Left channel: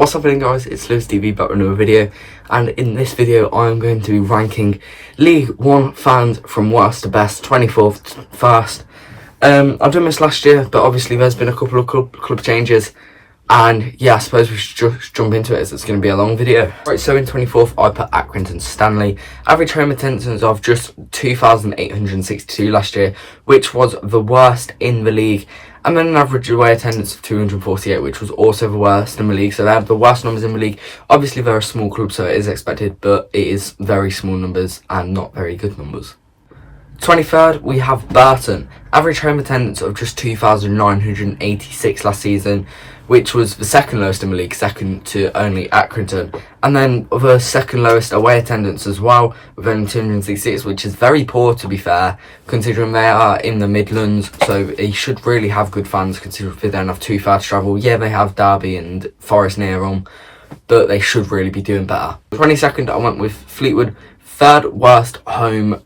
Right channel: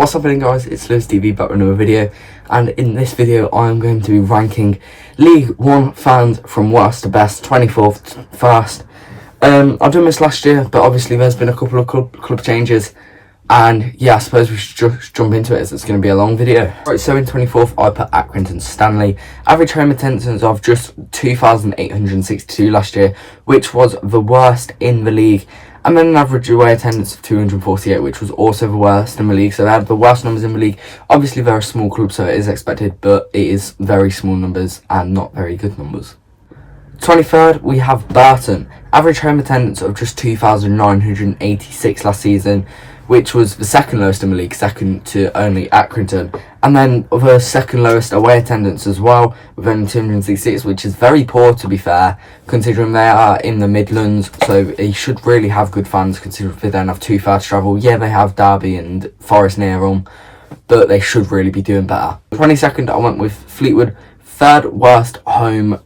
What's happening, guys? It's Lewis TV back with another video, and in this video I am going to be ranking League 1 fans from worst to best, 24th first. I've done this last year, but obviously there's been a couple of club changes, and yeah, I suppose we should just jump into it as it's going to be a long video. Right, so in 24th I put Accrington Stanley. Average home attendance of just 2,862 last year, which was the worst in the league. And then an average away attendance of 248, which was also the worst in the league. So they have the worst numbers in the league. Obviously, they're a small club, so it is expected, but it is very small numbers and not very good numbers. 23rd, we have Burton. Average home attendance of just 2,986 last season, which was the second lowest in the league, second to only Accrington. And then the second lowest away attendance as well, with only 266, which is very poor, to be fair, considering they are in the Midlands, so they should really have good fans, considering they don't have too far to travel. Yeah, they have Derby and Forest near them, but they should really be doing better. 22nd, I went with Fleetwood. Third worst home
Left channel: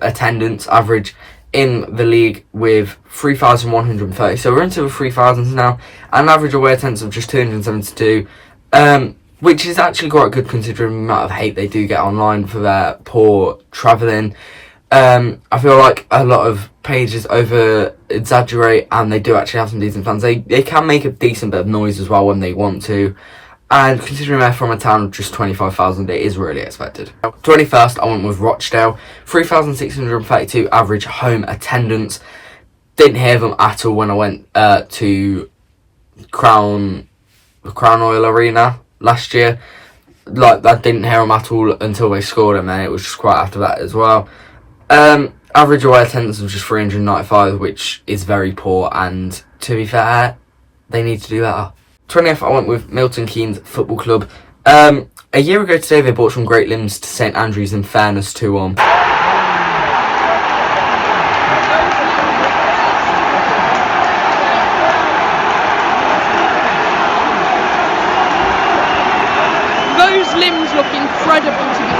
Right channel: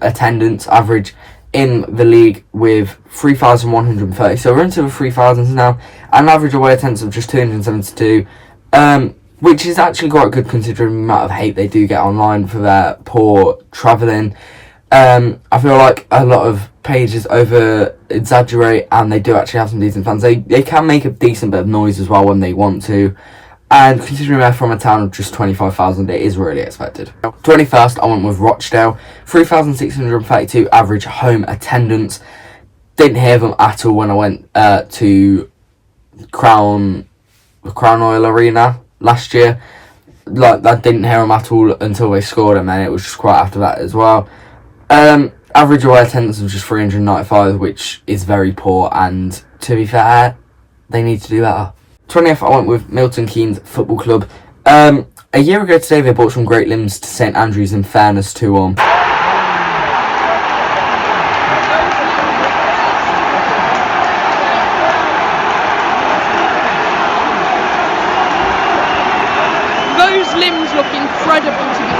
attendance average in the league with 3,130, so we're into the 3,000s now. An average away attendance of just 272, which is actually quite good considering the amount of hate they do get online for their poor travelling. I feel like a lot of pages over exaggerate, and they do actually have some decent fans. They can make a decent bit of noise as well when they want to, and considering they're from a town of just 25,000, it is really expected. 21st, I went with Rochdale. 3,632 average home attendance. Didn't hear them at all when I went to Crown Oil Arena last year. Like, I didn't hear them at all until they scored, and then it was just quite after that as well. Average away attendance of just 395, which is very poor, and to be fair, they need to do better. 20th, I went with Milton Keynes Football Club. A year ago today, they bought some great limbs to St Andrews, in fairness to them. Those limbs look incredible, to be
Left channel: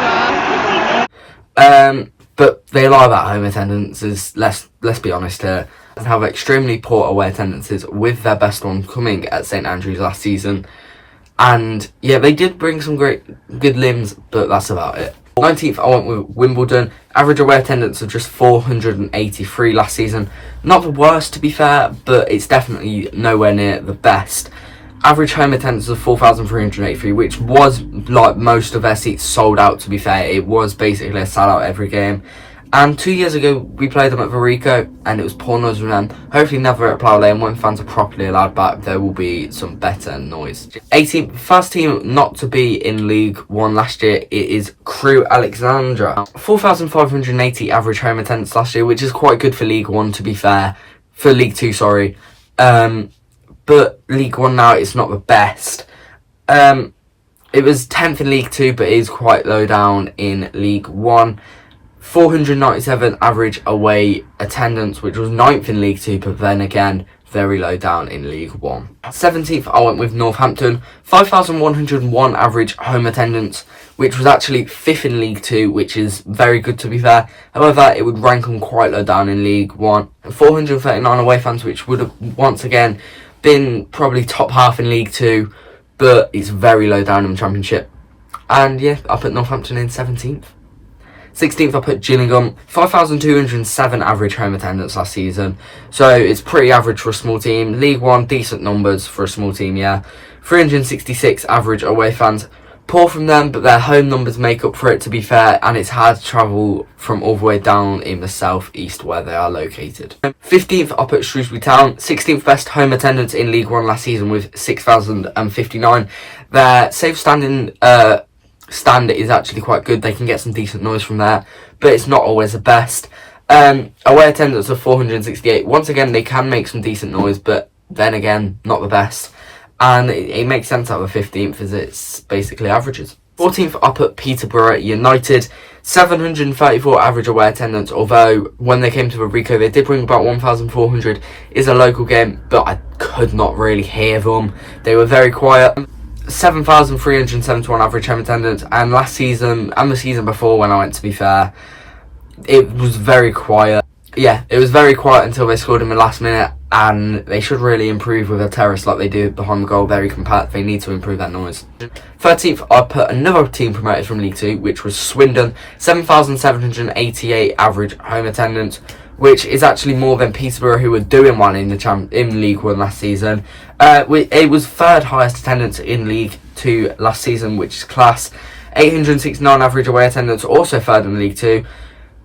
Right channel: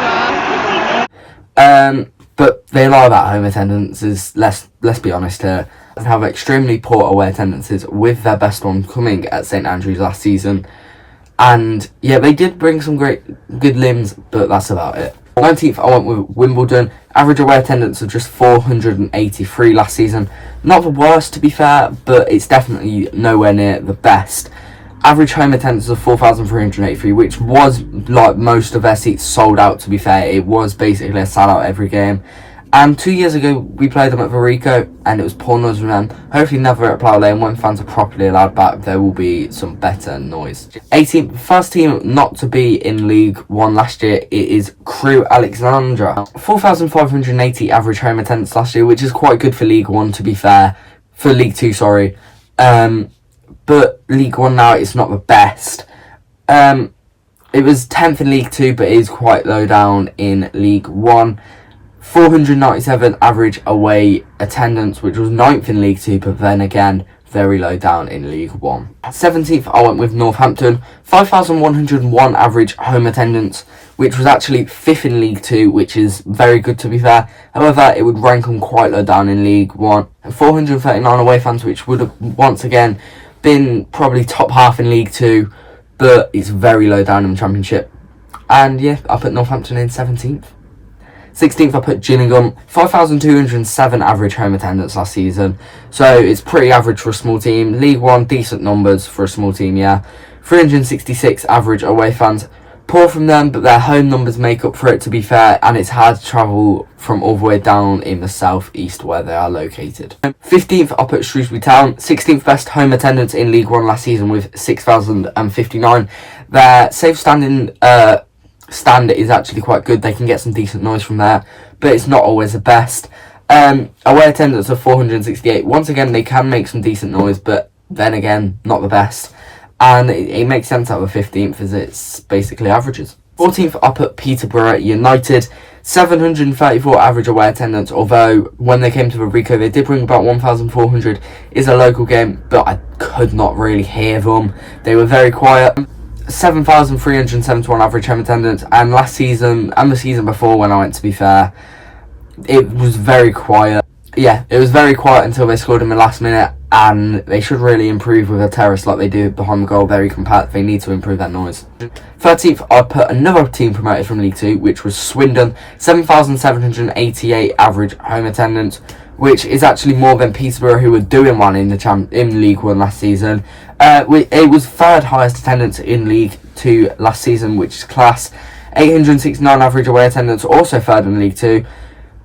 fair. But they lie about home attendances, let's be honest here. They have extremely poor away attendances, with their best one coming at St Andrews last season. And yeah, they did bring some good limbs, but that's about it. 19th, I went with Wimbledon. Average away attendance of just 483 last season. Not the worst, to be fair, but it's definitely nowhere near the best. Average home attendance of 4,383, which was, like most of their seats, sold out, to be fair. It was basically a sellout every game. And 2 years ago, we played them at Verico, and it was poor noise from them. Hopefully never at Plough Lane. When fans are properly allowed back, there will be some better noise. 18th, first team not to be in League 1 last year, it is Crewe Alexandra. 4,580 average home attendance last year, which is quite good for League 1, to be fair. For League 2, sorry. But League 1 now, it's not the best. It was 10th in League 2, but it is quite low down in League 1. 497 average away attendance, which was 9th in League 2, but then again, very low down in League 1. 17th, I went with Northampton. 5,101 average home attendance, which was actually 5th in League 2, which is very good, to be fair. However, it would rank them quite low down in League 1. 439 away fans, which would have once again been probably top half in League 2, but it's very low down in the Championship. And yeah, I put Northampton in 17th. 16th, I put Gillingham. 5,207 average home attendance last season, so it's pretty average for a small team. League 1, decent numbers for a small team, yeah. 366 average away fans. Poor from them, but their home numbers make up for it, to be fair, and it's hard to travel from all the way down in the southeast where they are located. 15th, I put Shrewsbury Town. 16th best home attendance in League 1 last season with 6,059. Their safe standing stand is actually quite good. They can get some decent noise from there, but it's not always the best. Away attendance of 468. Once again, they can make some decent noise, but then again, not the best. And it makes sense out of the 15th, as it's basically averages. 14th, I put Peterborough United. 734 average away attendance, although when they came to Verico, they did bring about 1,400. It's a local game, but I could not really hear them. They were very quiet. 7,371 average home attendance, and last season and the season before when I went, to be fair, it was very quiet. Yeah, it was very quiet until they scored in the last minute, and they should really improve with a terrace like they do behind the goal. Very compact. They need to improve that noise. 13th, I put another team promoted from League 2, which was Swindon. 7,788 average home attendance, which is actually more than Peterborough, who were doing one in in League 1 last season. It was third highest attendance in League 2 last season, which is class. 869 average away attendance, also third in League 2.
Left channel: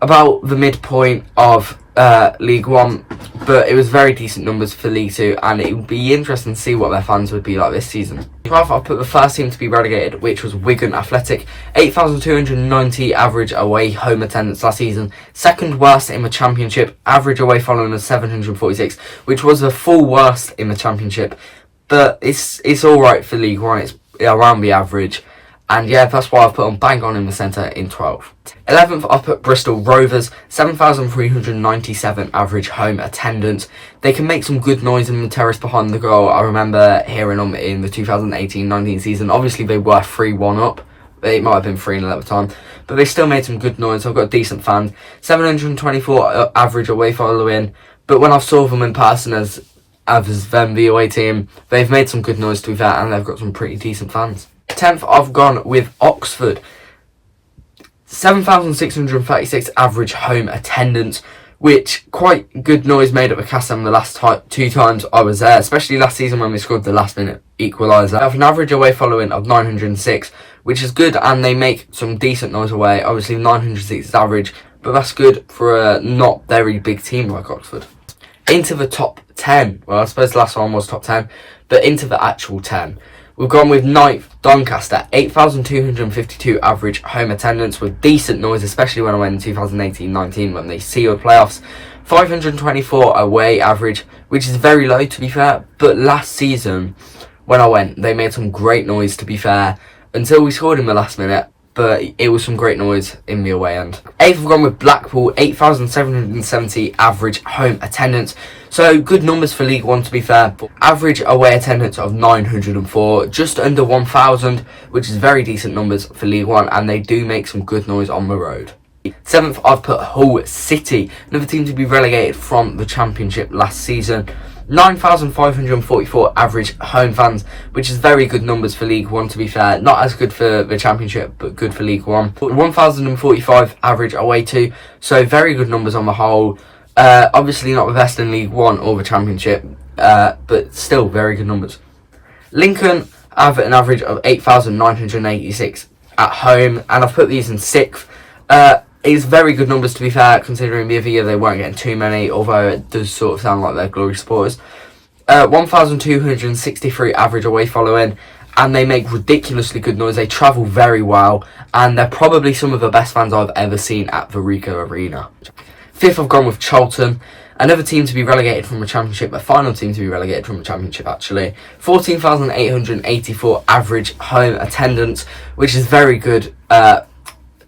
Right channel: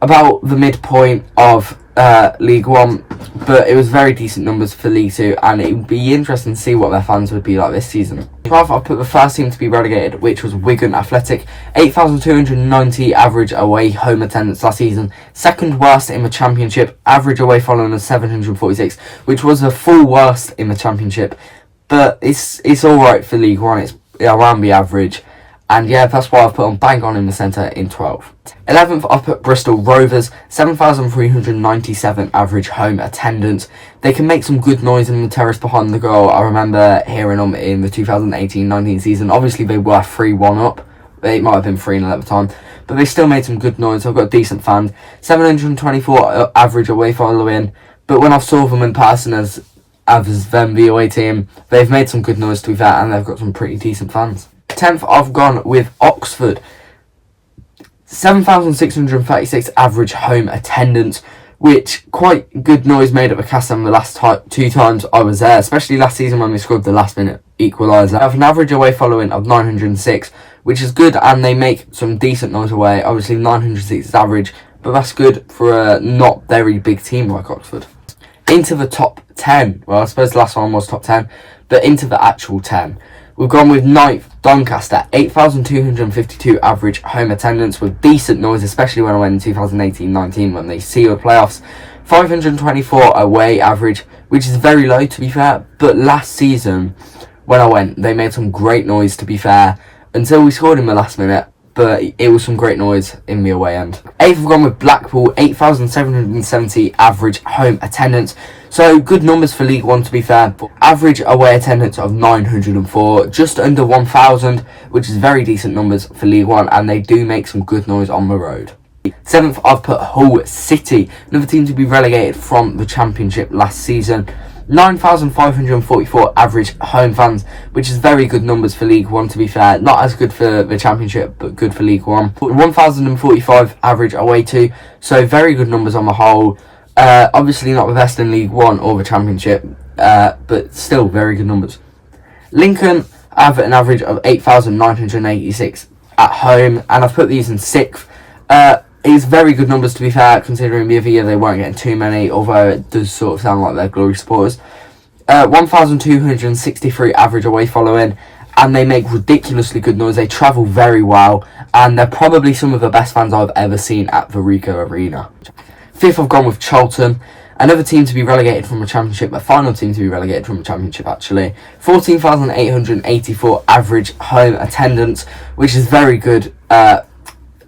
About the midpoint of League 1, but it was very decent numbers for League 2, and it would be interesting to see what their fans would be like this season. 12th, I put the first team to be relegated, which was Wigan Athletic. 8,290 average away home attendance last season. Second worst in the Championship. Average away following of 746, which was the full worst in the Championship. But it's alright for League 1, it's around the average. And yeah, that's why I've put on bang on in the centre in 12th. 11th, I've put Bristol Rovers. 7,397 average home attendance. They can make some good noise in the terrace behind the goal. I remember hearing them in the 2018-19 season. Obviously, they were 3-1 up. It might have been 3-0 at the time. But they still made some good noise. I've got decent fans. 724 average away following. But when I saw them in person as them the away team, they've made some good noise to be fair, and they've got some pretty decent fans. 10th, I've gone with Oxford. 7,636 average home attendance, which quite good noise made at the Castle the last 2 times I was there, especially last season when we scored the last minute equaliser. I have an average away following of 906, which is good, and they make some decent noise away. Obviously 906 is average, but that's good for a not very big team like Oxford. Into the top 10, well I suppose the last one was top 10, but into the actual 10. We've gone with 9th, Doncaster, 8,252 average home attendance with decent noise, especially when I went in 2018-19 when they sealed playoffs. 524 away average, which is very low to be fair, but last season when I went, they made some great noise to be fair, until we scored in the last minute, but it was some great noise in the away end. 8th, we've gone with Blackpool, 8,770 average home attendance. So good numbers for League 1 to be fair, but average away attendance of 904, just under 1,000, which is very decent numbers for League 1, and they do make some good noise on the road. 7th, I've put Hull City, another team to be relegated from the Championship last season. 9,544 average home fans, which is very good numbers for League 1 to be fair. Not as good for the Championship, but good for League 1. 1,045 average away to, so very good numbers on the whole. Obviously not the best in League 1 or the Championship, but still very good numbers. Lincoln have an average of 8,986 at home, and I've put these in 6th. It's very good numbers to be fair, considering the other year they weren't getting too many, although it does sort of sound like they're glory supporters. 1,263 average away following, and they make ridiculously good noise. They travel very well, and they're probably some of the best fans I've ever seen at the Ricoh Arena. 5th, I've gone with Charlton, another team to be relegated from the Championship, a final team to be relegated from the Championship actually. 14,884 average home attendance, which is very good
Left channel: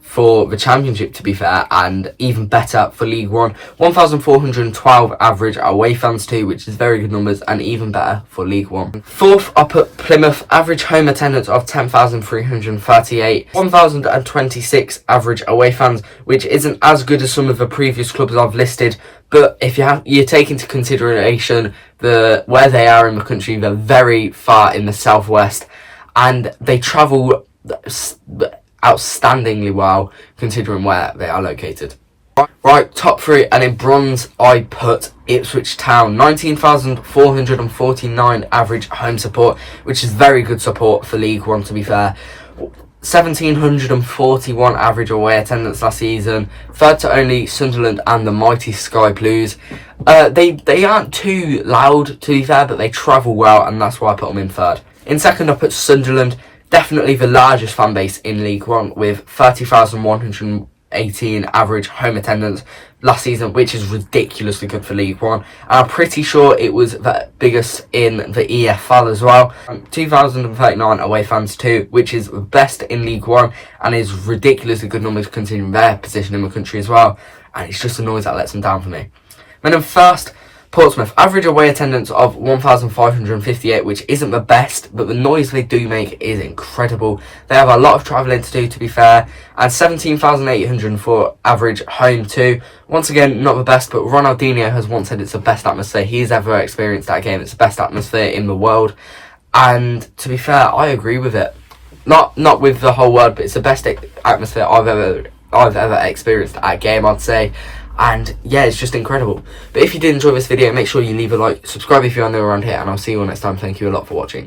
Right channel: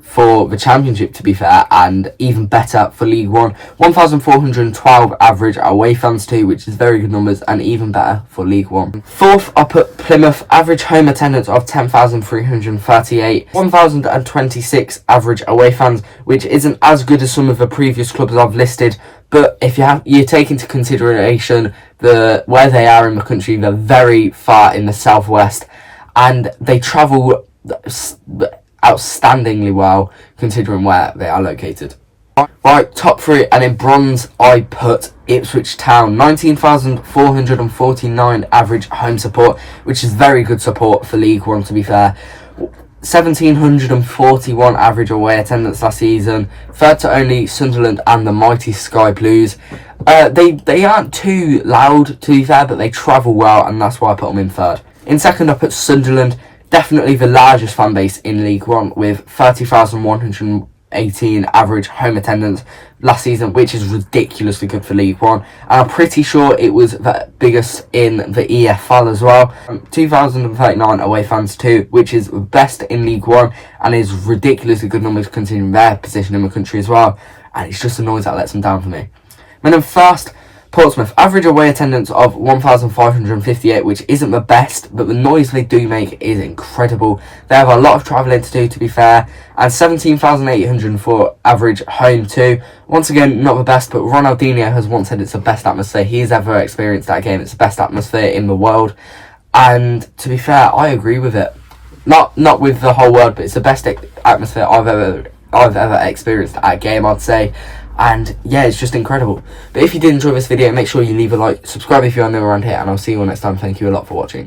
for the Championship to be fair, and even better for League 1. 1,412 average away fans too, which is very good numbers, and even better for League 1. 4th, I put Plymouth, average home attendance of 10,338. 1,026 average away fans, which isn't as good as some of the previous clubs I've listed, but if you take into consideration where they are in the country, they're very far in the southwest, and they travel outstandingly well considering where they are located. Right, top 3, and in bronze I put Ipswich Town. 19,449 average home support, which is very good support for League 1 to be fair. 1,741 average away attendance last season, third to only Sunderland and the mighty Sky Blues. They aren't too loud to be fair, but they travel well, and that's why I put them in third. In second I put Sunderland, definitely the largest fan base in League 1 with 30,118 average home attendance last season, which is ridiculously good for League 1, and I'm pretty sure it was the biggest in the EFL as well. 2,039 away fans too, which is the best in League 1 and is ridiculously good numbers considering their position in the country as well, and it's just a noise that lets them down for me. Then in first, Portsmouth, average away attendance of 1,558, which isn't the best, but the noise they do make is incredible. They have a lot of travelling to do, to be fair, and 17,804 average home too. Once again, not the best, but Ronaldinho has once said it's the best atmosphere he's ever experienced at a game. It's the best atmosphere in the world, and to be fair, I agree with it. Not with the whole world, but it's the best atmosphere I've ever experienced at a game, I'd say. And yeah, it's just incredible. But if you did enjoy this video, make sure you leave a like, subscribe if you're new around here, and I'll see you all next time. Thank you a lot for watching.